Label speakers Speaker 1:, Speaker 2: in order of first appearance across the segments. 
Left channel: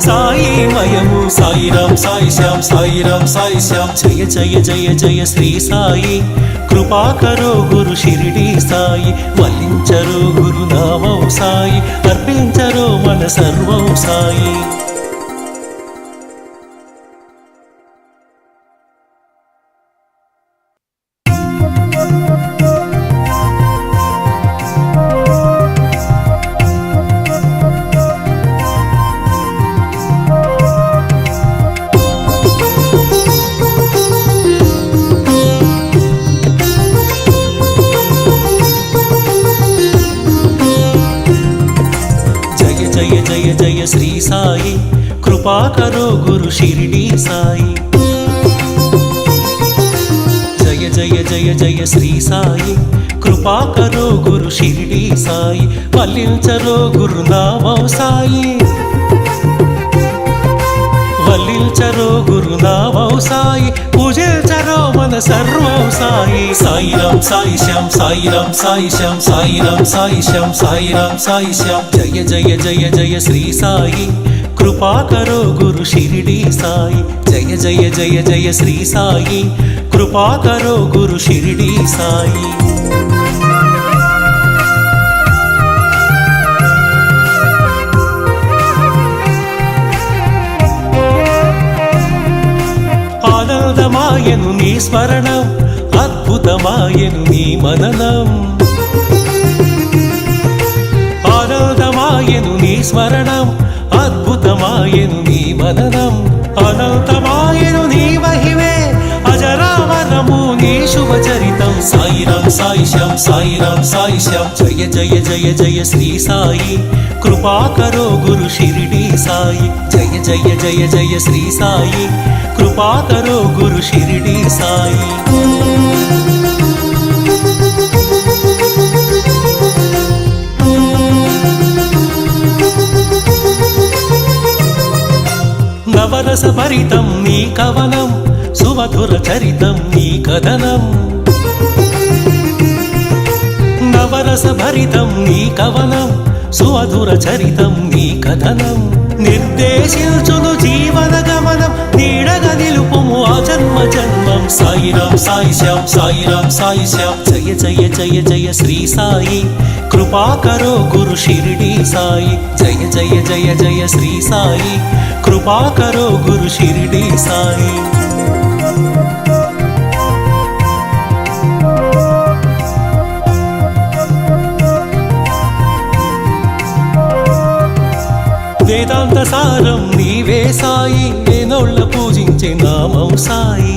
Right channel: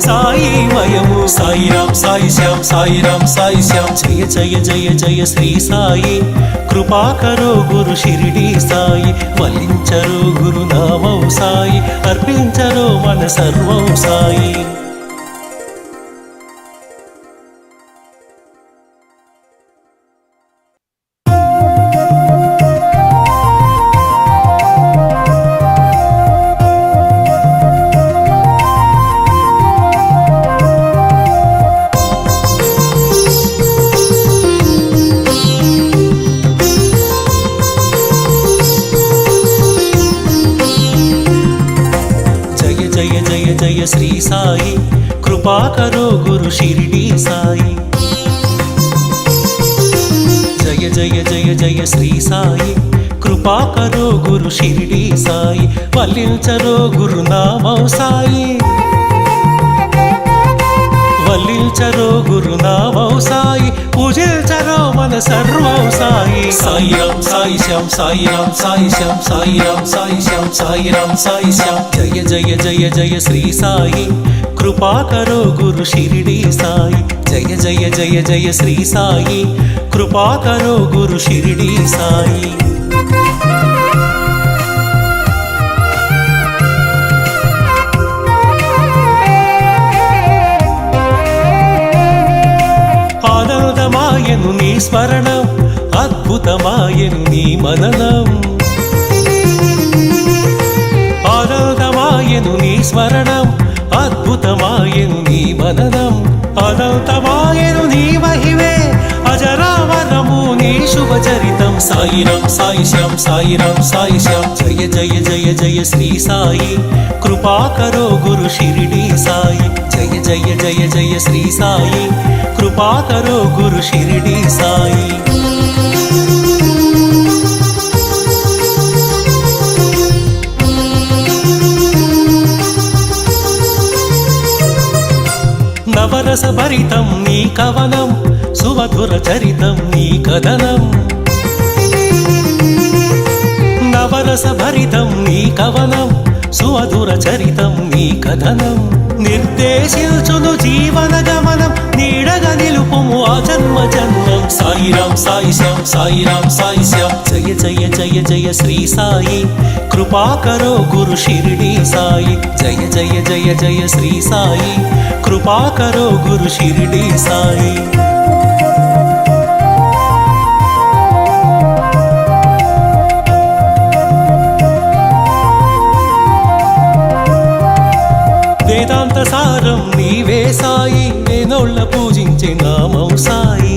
Speaker 1: సాయి మయము
Speaker 2: సాయిరాం సాయి శ్యామ్ సాయిరాం సాయి శ్యామ్.
Speaker 1: జయ జయ జయ జయ శ్రీ సాయి. కృపాకరో గురు షిరిడి సాయి. వల్లించరో గురు నామం సాయి. అర్పించరో మన సర్వం సాయి. జయ జయ జయ శ్రీ సాయి. కృపాకరో గురు షిరిడి సాయి. జయ జయ జయ జయ శ్రీ సాయి. కృపాకరో గురు షిరిడి సాయి. వల్లించరో గురు నామం సాయి. వల్లించరో గురు నామం సాయి పూజించరో మన సర్వం సాయి
Speaker 2: సాయిరాం సాయి శ్యామ్ సాయిరాం సాయి శ్యామ్ సాయిరాం సాయి శ్యామ్ సాయిరాం సాయి శ్యామ్
Speaker 1: జయ జయ జయ జయ శ్రీ సాయి కృపాకరో గురు షిరిడి సాయి. జయ జయ జయ జయ శ్రీ సాయి కృపాకరో గురు షిరిడి సాయి. ఆనందమాయను నీ స్మరణం అద్భుతమాయను నీ మననం. అనంతమాయను నీ స్మరణం అద్భుతమాయను నీ మననం. అనంతమాయను నీ మహిమే నీ శుభచరితం
Speaker 2: సాయిరాం సాయి శ్యాం సాయిరాం సాయి శ్యాం
Speaker 1: జయ జయ జయ జయ శ్రీ సాయి. కృపాకరో గురు షిరిడి సాయి. జయ జయ జయ జయ శ్రీ సాయి. కృపాకరో గురు షిరిడి సాయి. నవరస భరితం నీ కవనం. సుమధుర చరితం నీ కథనం. నవరస భరితం నీ కవనం. సుమధుర చరితం నీ కథనం. నిర్దేశించును జీవన గమనం. నీడగ నిలుపుము ఆ జన్మ జన్మం.
Speaker 2: సాయిరాం సాయి శ్యామ్ సాయిరాం సాయి శ్యామ్
Speaker 1: జయ జయ జయ జయ శ్రీ సాయి. కృపాకరో గురు షిరిడి సాయి. జయ జయ జయ జయ శ్రీ సాయి. కృపాకరో గురు షిరిడి సాయి. వేదాంత సారం నీవే సాయి నేనోళ్ళ పూజించే నామం సాయి.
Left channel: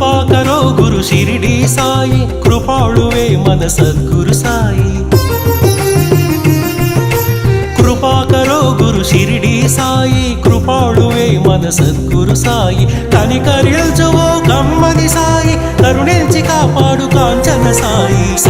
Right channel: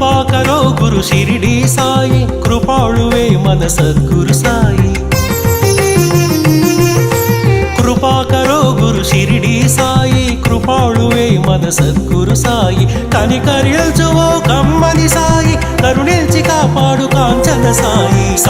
Speaker 1: కృపాకరో గురు షిరిడి సాయి కృపాళువే మన సద్గురు సాయి. కృపాకరో గురు షిరిడి సాయి కృపాళువే మన సద్గురు సాయి. కనికరిల్చువో కమ్మని సాయి కరుణించి కాపాడు కాంచన సాయి.